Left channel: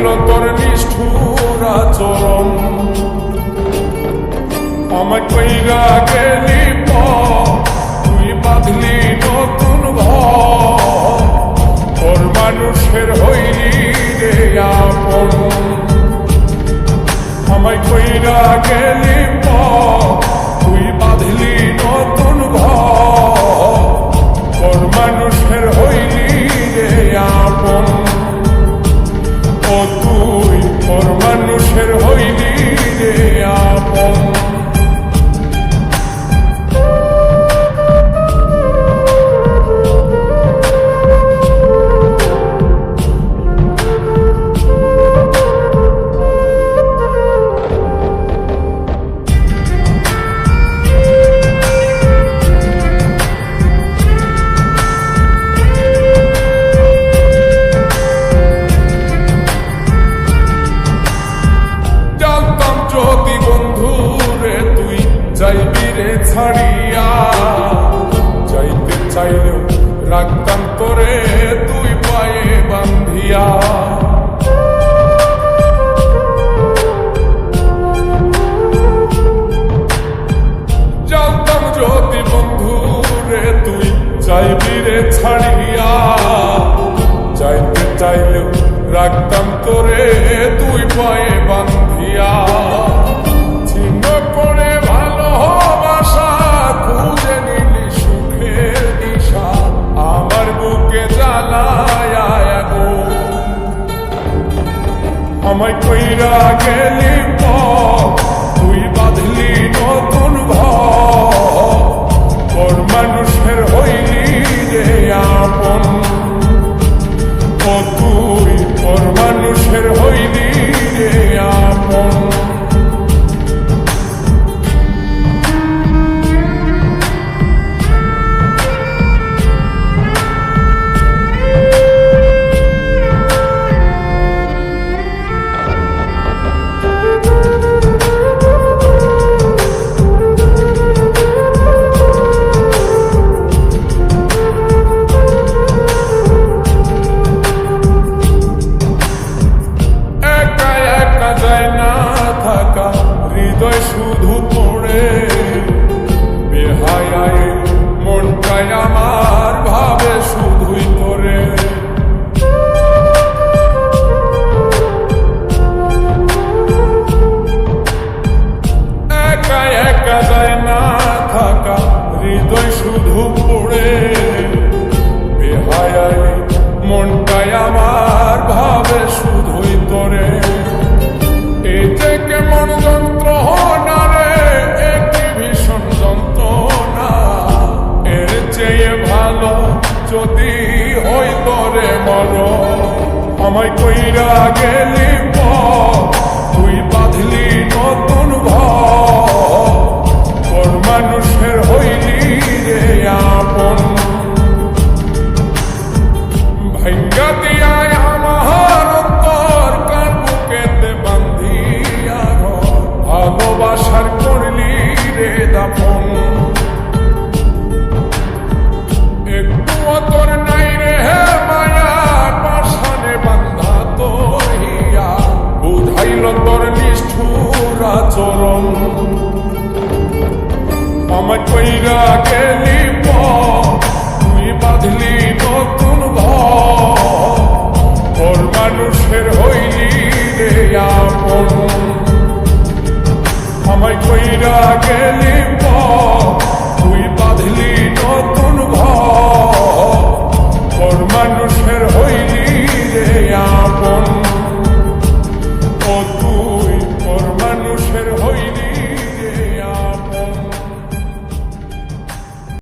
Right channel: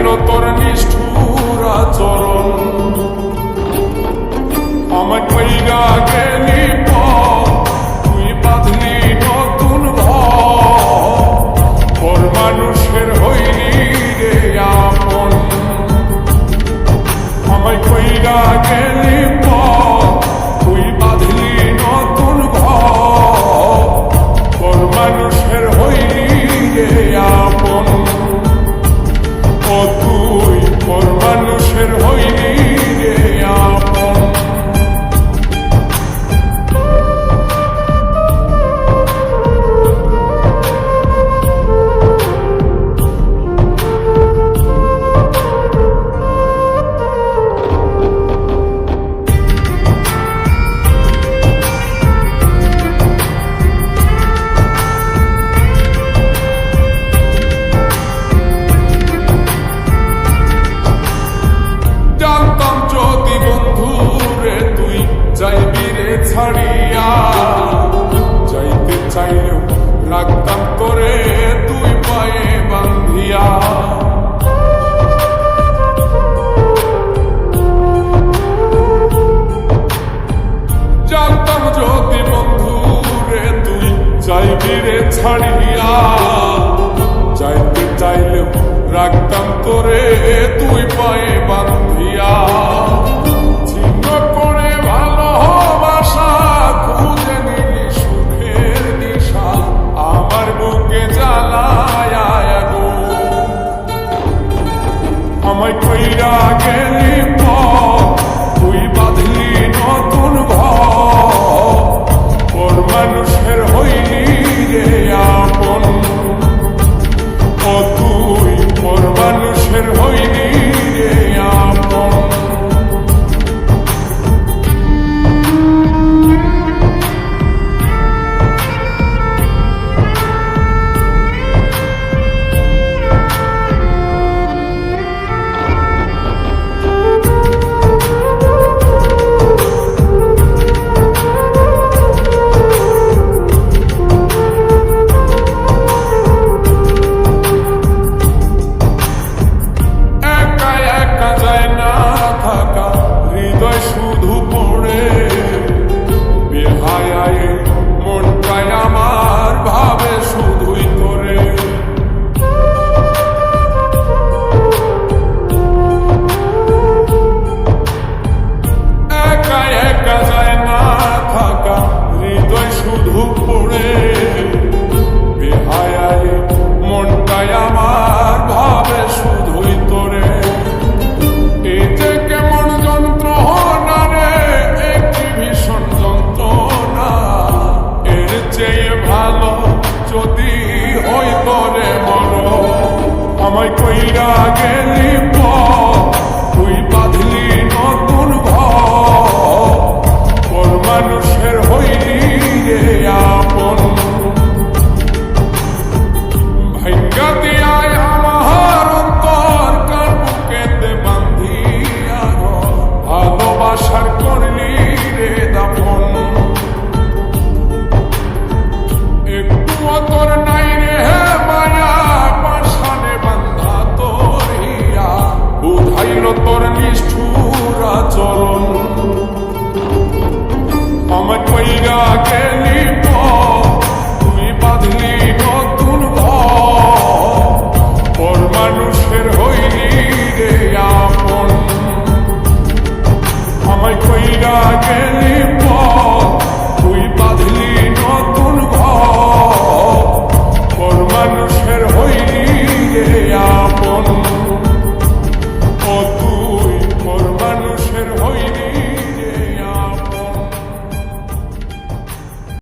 বুঝাইল তোর নিষ্ঠুর আচরণ। আমায় কইরা গেলি তুই বাঁধলি নতুন ঘর, ওর মানুষের হইলি রে আপন। আমায় কইরা গেলি তুই বাঁধলি নতুন ঘর, ওর মানুষের হইলি রে আপন। ও তুই ওর মানুষের হইলি রে আপন। যদি বন্ধু রে তুই যাইবি রে ছাড়িয়া, যাইতে চাইলেও রাখতাম তোরে তুই পায়ে বান্ধিয়া। জানতাম যদি বন্ধু রে তুই যাইবি রে ছাড়িয়া, যাইতে চাইলেও রাখতাম তোরে তুই পায়ে বান্ধিয়া। ছিন্ন করে ভালোবাসা খুঁজে নিলি সুখের দিশা, আমার বুকে জ্বালায় আগুন। আমায় কইরা গেলি তুই বাঁধলি নতুন ঘর, তোর মানুষের হইলি রে আপন। ও তুই ওর মানুষের হইলি রে আপন। থাকা হৃদয় শুধু পড়ে বেহায়ায়, মনটাই আমার ভাবে শুধুই তোরে। একা একা যায় না থাকা হৃদয় শুধু পড়ে বেহায়ায়, মনটাই আমার ভাবে শুধুই তোরে। এই যে কেমন যন্ত্রণা রে, একটি ভীষণ যন্ত্রণা, এর চেয়ে ভালো যদি হইতো রে মর। আমায় কইরা গেলি তুই বাঁধলি নতুন ঘর, ওর মানুষের হইলি রে আপন। ভাঙ্গা দিয়ায় আমার অন্তর কার বুকেতে বান্ধিয়া ঘর, ভালোবাসার করলি রে দাফন। একটু তোর নাই রে মায়া, পাশানে বান্ধা তোর হিয়া, বুঝাইল তোর নিষ্ঠুর আচরণ। আমায় কইরা গেলি তুই বাঁধলি নতুন ঘর, ওর মানুষের হইলি রে আপন। আমায় কইরা গেলি তুই বাঁধলি নতুন ঘর, ওর মানুষের হইলি রে আপন। ও তুই ওর মানুষের হইলি